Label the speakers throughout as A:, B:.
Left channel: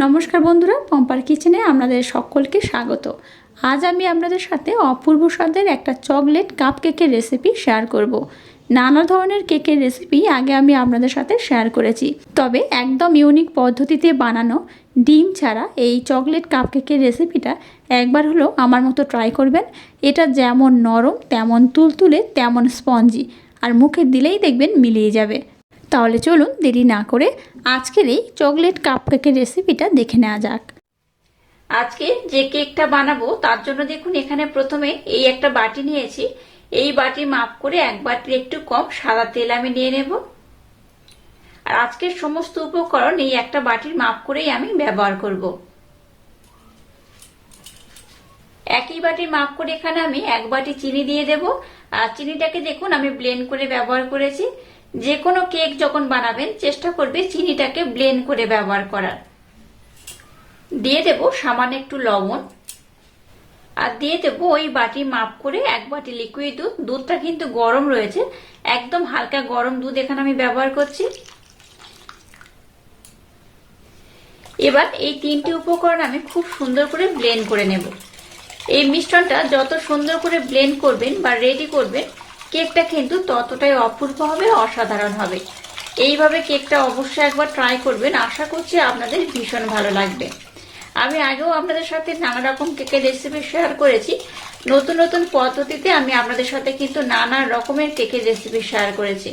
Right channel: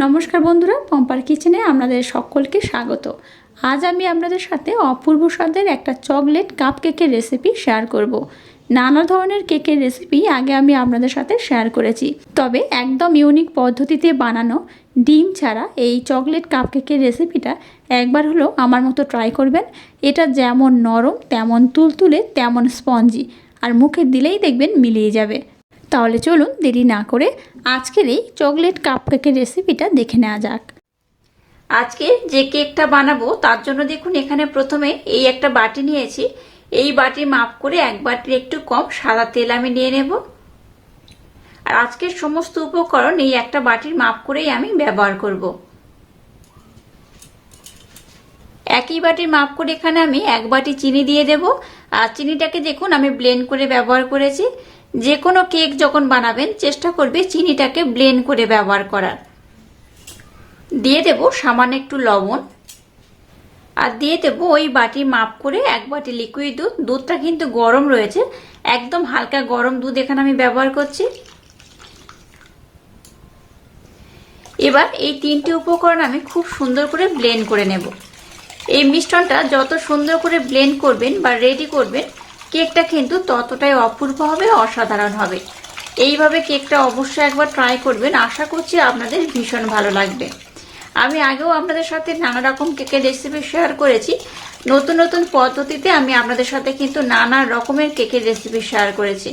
A: নমস্কার বন্ধুরা, পম্পার কিচেনে আপনাদের সকলকে স্বাগত। আজ আমি আপনাদের সাথে অপূর্ব স্বাদের একটা চকলেট কাপ কেকের রেসিপি শেয়ার করব। নানা ধরনের কেকের রেসিপি আগে আমি আপনাদের সাথে শেয়ার করেছি। তবে একদম ইউনিক পদ্ধতিতে বানানো ডিম ছাড়া এই চকলেট কাপ কেকের রেসিপিটা একবার হলো আমার মতো ট্রাই করবেন। এটা যেমন নরম, তেমন তুলতুলে, তেমন স্পঞ্জি। আর মুখে দিলেই দেখবেন মিলিয়ে যাবে। তাহলে চলুন দেরি না করে আজকের এই চকলেট কাপ কেকের রেসিপিটা দেখে নেওয়া যাক। আজকে যে কেকটা বানাবো, তার জন্য দেখুন এখানে প্রথমে এই একটা বাটি নিয়েছি। এই বাটি মাপ করে এক বাটির একটু কম সাদা তেল আমি নিয়ে নেব। আর আজকের সমস্ত উপকরণ এই একটা বাটির মাপ করেই আমি ব্যবহার করব। একই বাটির মাপ করে এখানে আমি এক বাটি চিনি দিয়ে দেব। আর চিনিটাকে দেখুন আমি ব্লেন্ড করে ব্যবহার করেছি। যে কোনো কেক যখন বানাবেন, চেষ্টা করবে চিনিটাকে ব্লেন্ড করে ব্যবহার করার। দিয়ে দেব সামান্য একটু লবণ। আর দিয়ে দেব ওই বাটি মাপ করে এক বাটি লিকুইড দুধ। দুধটা কিন্তু গরম রয়েছে। একদম হালকা গরম দুধ এখানে আমি ব্যবহার করছি। এবার এই তিনটি উপকরণ আমি খুব সুন্দর করে ব্লেন্ড করে নেব। এই মিশ্রণটা যত সুন্দর করে ব্লেন্ড করবেন বা রেডি করবেন কেকটা কিন্তু ততটাই অপূর্ব হবে, অসাধারণ হবে। এইভাবে কেকটা অবশ্যই একবার ট্রাই করবেন। আশা করছি আপনাদের ভীষণ ভালো লাগবে। আমি আগেও আপনাদের সাথে নানা রকম কেকের রেসিপি শেয়ার করেছি। নতুন নতুন পদ্ধতিতে আমি আপনাদের সাথে কিন্তু নানা রকমের কেকের রেসিপি শেয়ার করেছি।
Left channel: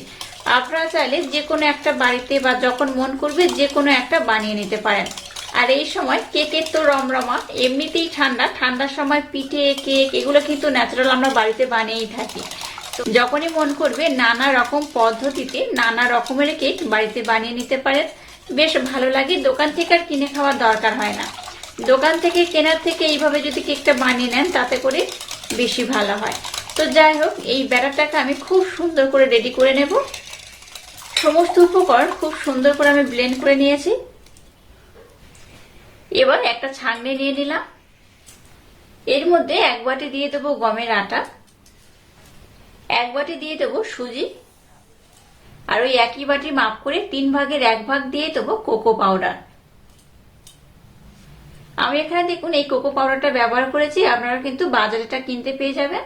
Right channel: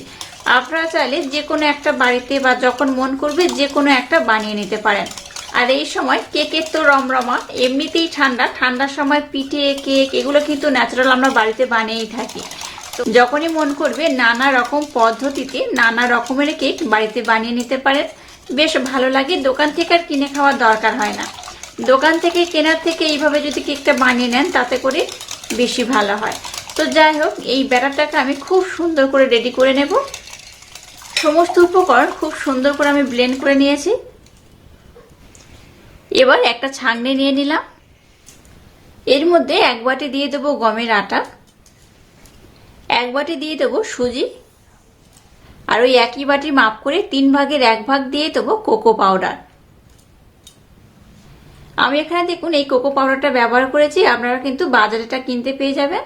A: আপনারা চাইলে যে কোনো একটা বাড়িতে বা যখন মন করবে যে কোনো একটা বানিয়ে নিতে পারেন। আর এই সময় কেকের তো রমরমা, এমনিতেই ঠান্ডা। ঠান্ডার সময় পিঠে, কেক, এগুলো কিন্তু ন্যাচারাল আমরা বাড়িতে বানিয়েই থাকি। যখনই মন করবে নানা রকম পদ্ধতিতে নানা রকমের কেক বাড়িতে বানিয়ে নিতে পারেন। বেশ ভালো লাগে, দোকান থেকে আর কিনে খাওয়ার দরকার হয় না। দোকান থেকে কেনার থেকে এইভাবে যদি কেকটা বানিয়ে নেন, তাতে করে বেশি ভালো হয়। তো যাই হোক, এই ব্যাটারটাকে আমি খুব সুন্দর করে রেডি করে নেব। সমস্ত উপকরণ খুব সুন্দর করে আমি ব্লেন্ড করে নিয়েছি। এবার একটা ছাঁকনি নিয়ে নিলাম। এর মধ্যে এক বাটি দিয়ে দেবো গমের আটা। এক বাটি দিয়ে দেবো সুজি, আর ওই একই বাটির মাপ করে তিন ভাগের এক ভাগ দিয়ে দেবো কোকো পাউডার। আমি এখানে দেখুন এই কোকো পাউডারটা ব্যবহার করেছি, আপনারা কিন্তু বাজারেটা কিনতে পেয়ে যাবেন।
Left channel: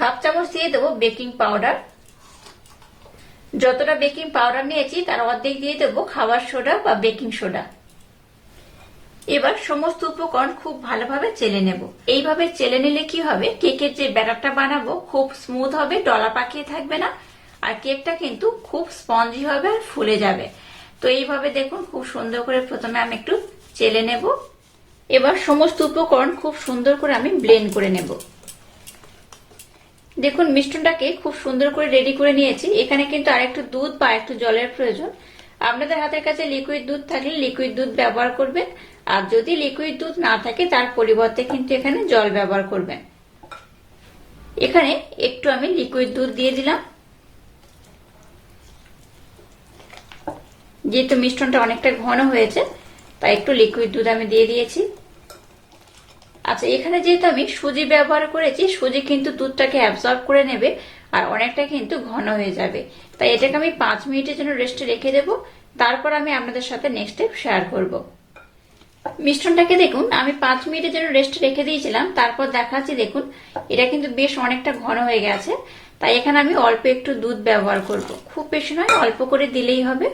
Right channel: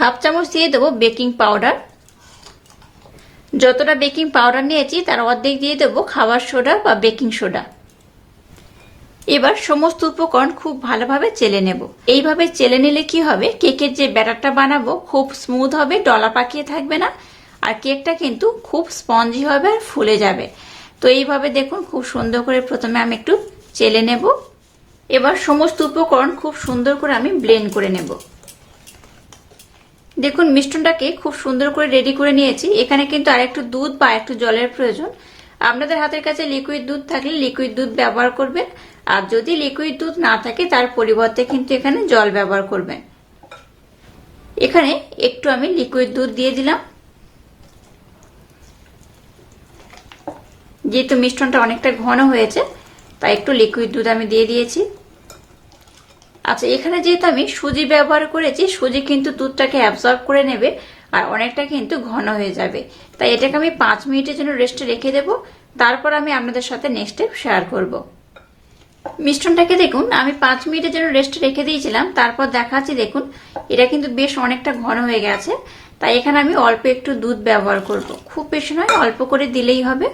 A: হাফ চামচ দিয়ে দেবো বেকিং পাউডার। যতটা বেকিং পাউডার নিয়েছি, তার অর্ধেক দিয়ে দেবো খাবার সোডা বা বেকিং সোডা। এবার সমস্ত উপকরণ খুব ভালোভাবে চেলে নেব। এইভাবে চেলে নিলে কি হবে? কেকের যে ব্যাটারটা বানাবো খুব স্মুথ হবে, ডলা পাকিয়ে থাকবে না, আর কেকটা কিন্তু খুব স্পঞ্জি হবে আর ফুলে যাবে। তো এইভাবে দেখুন খুব সুন্দর করে প্রথমে আমি একটু চেলে নেব। এবার সমস্ত উপকরণ খুব সুন্দর করে আমি ব্লেন্ড করে নেব। দেখুন মিষ্টনটাকে খুব সুন্দর করে রেডি করে নিয়েছি। এখানে কিন্তু আর একটু দুধ বা একটু জলের প্রয়োজন। আপনাদের হাতের কাছে লিকুইড দুধ থাকলে লিকুইড দুধ ব্যবহার করবেন। আর যদি লিকুইড দুধ না থাকে, তার পরিবর্তে কিন্তু এখানে জল ব্যবহার করবেন। এখানে একটু আমি লিকুইড দুধ দিয়ে দিলাম। যেহেতু মিষ্টনটা অনেকটা ঘন হয়েছে, তাই একটু লিকুইড দুধ আমি দিয়ে দিয়েছি। আচ্ছা এখানে যেহেতু আমি সুজি ব্যবহার করেছি, সুজি কিন্তু দুধটাকে অ্যাবজর্ব করে নেবে আর অনেকটা কিন্তু ঘন হয়ে যাবে। তাই এটাকে আমি পাঁচ মিনিটের জন্য রেস্টে রেখে দেব। তারপর আমি আপনাদের সাথে নেক্সট স্টেপ শেয়ার করব। মিশ্রণটাকে দেখুন, আমি পাঁচ মিনিটের জন্য রেস্টে রেখে দিয়েছিলাম, তারপর দেখাচ্ছি দেখুন, এটা কিন্তু বেশ অনেকটা ঘন হয়ে গেছে, তাই এখানে আমি অল্প একটু দুধ ব্যবহার করব। খুব বেশি নয়, অল্প করে দিলেই হবে।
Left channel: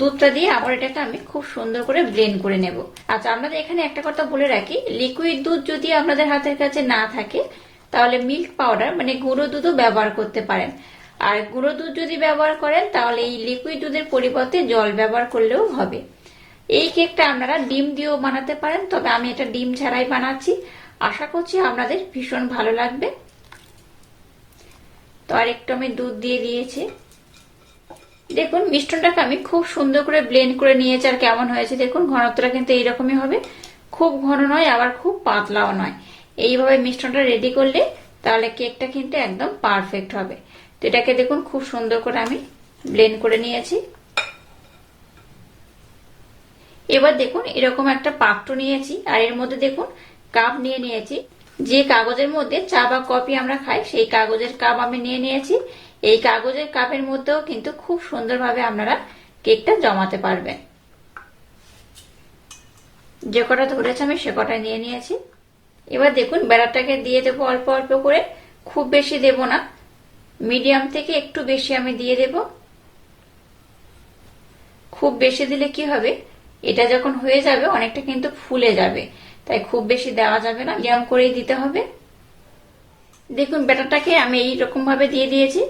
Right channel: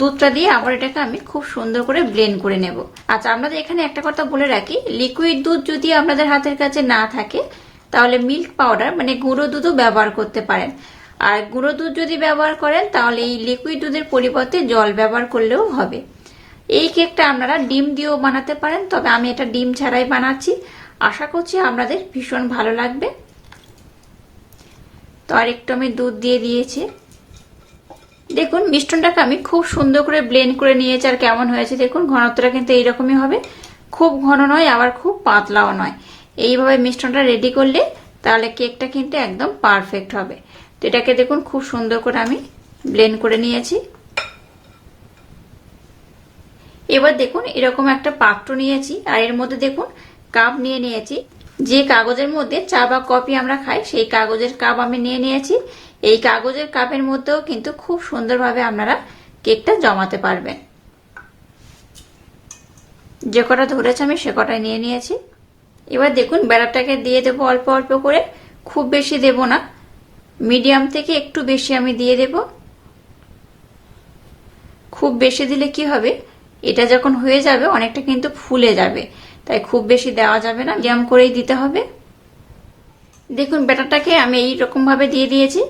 A: দুধটা দিয়ে আবার এটাকে আমি খুব সুন্দর করে ব্লেন্ড করে নেব। আচ্ছা আপনাদের এখানে একটা কথা বলে রাখি লিকুইড দুধ যদি আপনাদের হাতের কাছে না থাকে, তাহলে মিল্ক পাউডার মানে গুঁড়ো দুধও ব্যবহার করতে পারেন। আর গুঁড়ো দুধ যদি ব্যবহার করেন, তাহলে এই লিকুইড দুধের পরিবর্তে জল ব্যবহার করলেও হবে। এই কেকটা আপনারা ডিম দিয়েও বানাতে পারেন, তবে আমি এটা ডিম ছাড়াই বানাচ্ছি। আশা করছি আপনাদের ভীষণ ভালো লাগবে। তো আর একটু আমি দুধ দিয়ে দিয়েছি। দেখুন, মিষ্টনটাকে আমি খুব সুন্দর করে ব্লেন্ড করে নিয়েছি, আর কেমন হয়েছে দেখুন, ঘনত্বটা কিন্তু এইরকমই হবে। খুব ঘন নয়, আবার খুব পাতলাও নয়। এইভাবে মিষ্টনটা রেডি করলে তাহলে কেকটা কিন্তু একদম পারফেক্ট হবে। তো এটাকে দেখুন, খুব সুন্দর করে আমি ব্লেন্ড করে নিয়েছি। এবার দেখুন, এরকম একটা পাত্র নিয়েছি, আর এর মধ্যে দেখুন কাপ নিয়ে নিয়েছি। যে কাগজের মধ্যে চা বা কফি আমরা খাই, সেই কাগজের কাপ আমি নিয়ে নিয়েছি। এই কাগজের কাপের মধ্যেও কিন্তু খুব সুন্দরভাবে আপনারা কেকটা জমাতে পারবেন। যে কটা ধরেছে আমি সে কটা নিয়ে নিয়েছি। এবার দেখুন, ব্যাটারটাকে দিয়ে দেবো অল্প অল্প করে। খুব বেশি দেব না। মিডিয়াম থেকে একটু বেশি আমি দিয়ে দেব। খুব বেশি দিলে কি হবে? এটা যখন হয়ে যাবে, অনেকটা কিন্তু ফুলে যাবে। তাই খুব বেশি দেওয়া যাবে না মিডিয়াম করেই দিতে হবে। দেখুন, ব্যাটারটাকে আমি এই ভাবে দিয়ে দিয়েছি।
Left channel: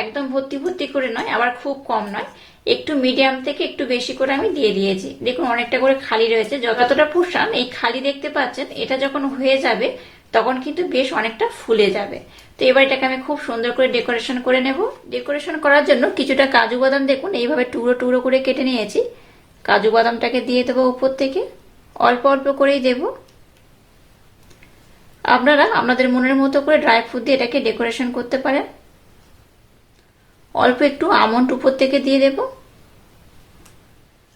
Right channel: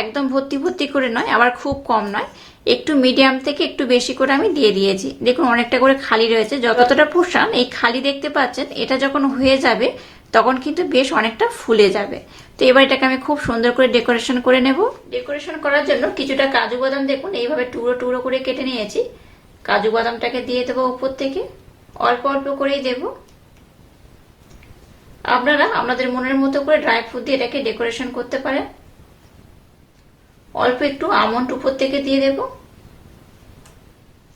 A: একদম ভর্তি ভর্তি করে নয়, আবার খুব কম নয়। একটু মিডিয়াম থেকে একটু বেশি করে আমি দিয়ে দিয়েছি। দেখুন, অনেকটা করে খালি রয়েছে। যতটা পুষান এই খালি দেখতে পাচ্ছেন, এটা যখন হয়ে যাবে, তখন কিন্তু বেশ অনেকটা ফুলে যাবে। তো এবার এটাকে আমি খুব সুন্দর করে ডেকোরেশন করে নেব। ডেকোরেশন করার জন্য কিছুটা কাজু বাদাম, দেখুন, এইভাবে টুকরো টুকরো করে কেটে নিয়েছি। কাজু বাদামটাকে দিয়ে দেবো উপর থেকে। অল্প অল্প করেই দেবো। আপনারা আপনাদের মনের মতো করে ড্রাই ফ্রুট দিয়ে এটাকে ডেকোরেশন করতে পারেন। অল্প একটু আমন্ড উপর থেকে দিয়ে দেব।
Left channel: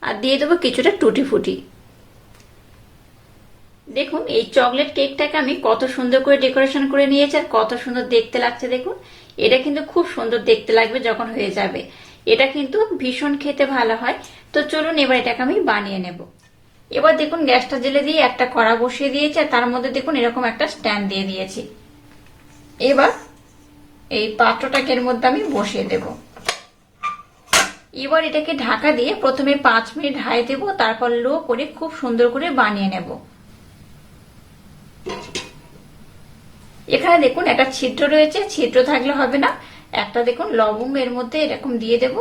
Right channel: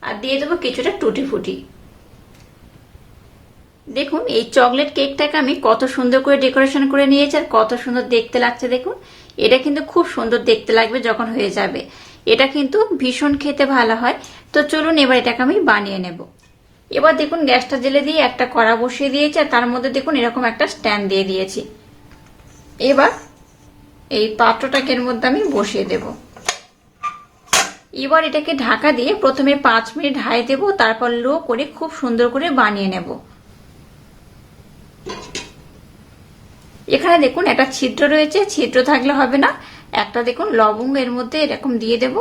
A: আর দিয়ে দেবো কিছুটা টুটি ফুটি। দেখুন, এই চকলেট কেকটাকে আমি কত সুন্দর করে ডেকোরেশন করে নিয়েছি আর কত সুন্দর দেখতে লাগছে। দেখুন, এটা কিন্তু খুব সুন্দর দেখতে লাগবে যখন হয়ে যাবে। এটা কিন্তু ভীষণ খেতে ভালো হয়। তো চলুন এবার এটাকে আমি বানিয়ে নেব। এবার দেখুন গ্যাসটা জেলে দিয়ে একটা কড়া বসিয়ে দিয়েছি আর তার মধ্যে দেখুন এরকম একটা স্ট্যান্ড দিয়ে দিয়েছি। এবার এই পাত্রটাকে এর মধ্যে আমি বসিয়ে দেব। এবার এটাকে ঢাকা দিয়ে প্রথমে পাঁচ মিনিট হাই দেব, তারপর লো করে খুব সুন্দর করে বানিয়ে নেব। এখানে দেখুন একটা ছিদ্র রয়েছে, ছিদ্র থাকলে হবে না। একটা দেখুন, লবঙ্গ এর মধ্যে এরকম দিয়ে দেব।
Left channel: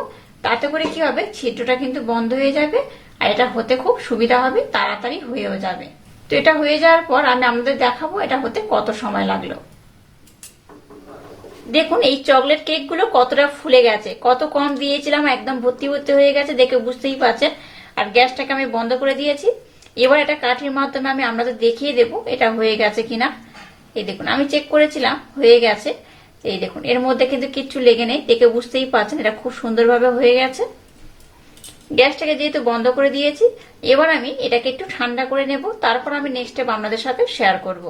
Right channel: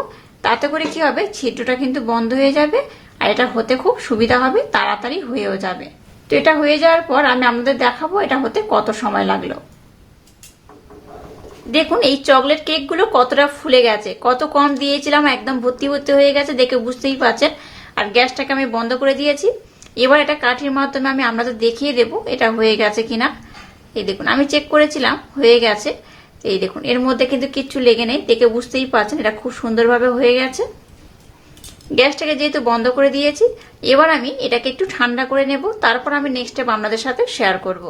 A: তাতে করে কি হবে? ছিদ্রটা কিন্তু বন্ধ হয়ে যাবে আর এটা হতে খুব সুবিধা হবে, তাড়াতাড়ি হয়েও যাবে। তো এটা হয়ে যাওয়ার পর আমি আপনাদের দেখাবো এটা হতে কত সময় লাগল। দেখুন, এই চকলেট কেকগুলো কতটা ফুলে গেছে। কত কম দিয়েছিলাম, একদম ভর্তি ভর্তি হয়ে গেছে, দেখে বুঝতেই পারছেন। আর গ্যাসটাকে আমি বন্ধ করে দিয়েছি। এবার এটা কাঠির মাধ্যমে আমি আপনাদের দেখিয়ে দেব এটা হয়ে গেছে কিনা। এই দেখুন, আমি চেক করেছিলাম, হয়ে গেছে। এই দেখুন, এর মধ্যে কিন্তু কিচ্ছু লেগে নেই। দেখে বুঝতেই পারছেন, এটা খুব সুন্দরভাবে হয়ে গেছে। গ্যাসটাকে যেহেতু বন্ধ করে দিয়েছি, এবার আমি এটাকে একটু ঠান্ডা করে নেব। তারপর আমি নেক্সট স্টেপ আপনাদের সাথে শেয়ার করব।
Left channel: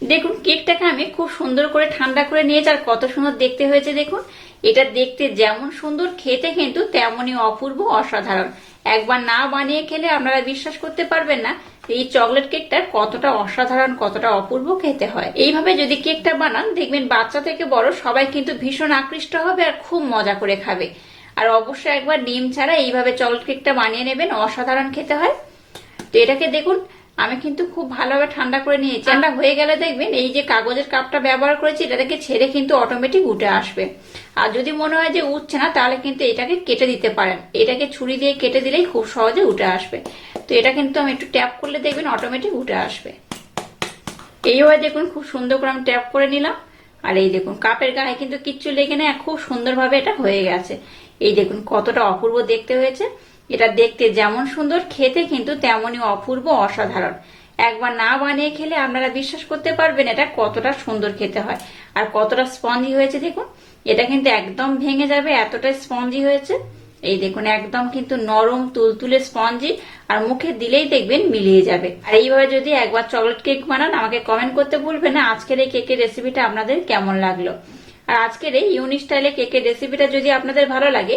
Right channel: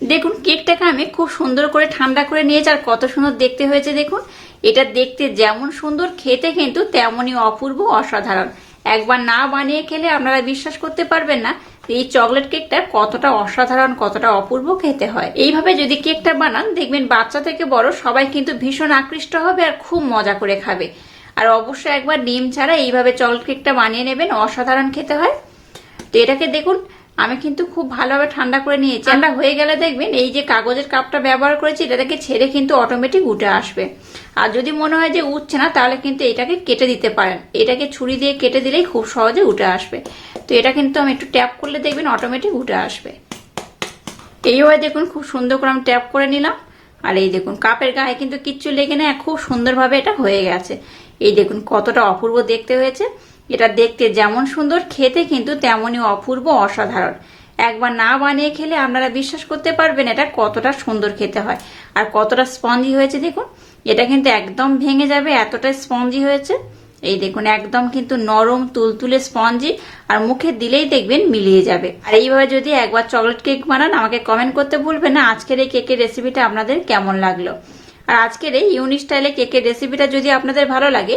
A: দেখুন, কেকটাকে আমি খুব সুন্দর করে ঠান্ডা করে নিয়েছি, আর কত সুন্দর দেখতে হয়েছে দেখুন। এটা দেখতে যেমন সুন্দর, খেতে কিন্তু তেমনই অপূর্ব, অসাধারণ। একবার না বানিয়ে খেলে আপনারা বিশ্বাস করতে পারবেন না এই চকলেট কেকটা কতটা অসাধারণ, কতটা অপূর্ব খেতে হয়। এইভাবে যদি কেকটা বানান, দেখবেন বাচ্চা থেকে বড় সবাই কিন্তু ভীষণ আকৃষ্ট হবে আর খুব মজা করে খাবে। আর অবশ্যই একবার ডিম ছাড়া এইভাবে চকলেট কেকটা বানিয়ে নেবেন, অসাধারণ খেতে হয়। তো এটাকে দেখুন আমি কিন্তু খুব ভালোভাবে ঠান্ডা করে নিয়েছি। ঠান্ডা হয়ে গেলে দেখবেন এই যে কাগজের কাপটা ব্যবহার করেছি, এটা থেকে ছেড়ে কিন্তু অটোমেটিক উঠে আসবে। আর যদি মনে হয় যে উঠছে না, তাহলে কিন্তু এটাকে কেটে দিতে পারেন। এটাকে ছুরি দিয়ে কেটে দিলেই খুব সহজে উঠে আসবে। তো এটা কিন্তু আমি একটু ট্যাপ করলে দেখবেন অটোমেটিক উঠে আসবে। এইভাবে দেখুন খুব সুন্দর করে আমি ট্যাপ করে নিলাম। আর এই দেখুন, কাপের গায়ে কিন্তু কিচ্ছু লেগে নেই খুব সুন্দরভাবে এটা হয়ে গেছে। এই দেখুন কতটা অপূর্ব দেখতে হয়েছে। এটা দেখতে যেমন সুন্দর, খেতে কিন্তু তেমনই অপূর্ব অসাধারণ। একবার না বানিয়ে খেলে আপনারা বিশ্বাস করতে পারবেন এটা কতটা সুন্দর খেতে হয়। আর কতটা স্পঞ্জি হয়েছে দেখুন, এটা কিন্তু একদম ভেঙে যাবে, এতটা স্পঞ্জি হয়েছে। এই দেখুন, একদম কিন্তু নরম, তুলতুলে স্পঞ্জি, আর মুখে দিলেই দেখবেন মিলিয়ে যাবে। আর এইভাবে যদি একবার চকলেট কেক বানান, আমাকে কমেন্ট করতে ভুলবেন না, আজকের এই কেকের রেসিপিটা আপনাদের কেমন লাগল। আর আজকের এই ইউনিক স্টাইলে কেকের রেসিপিটা যদি আপনাদের ভালো লাগে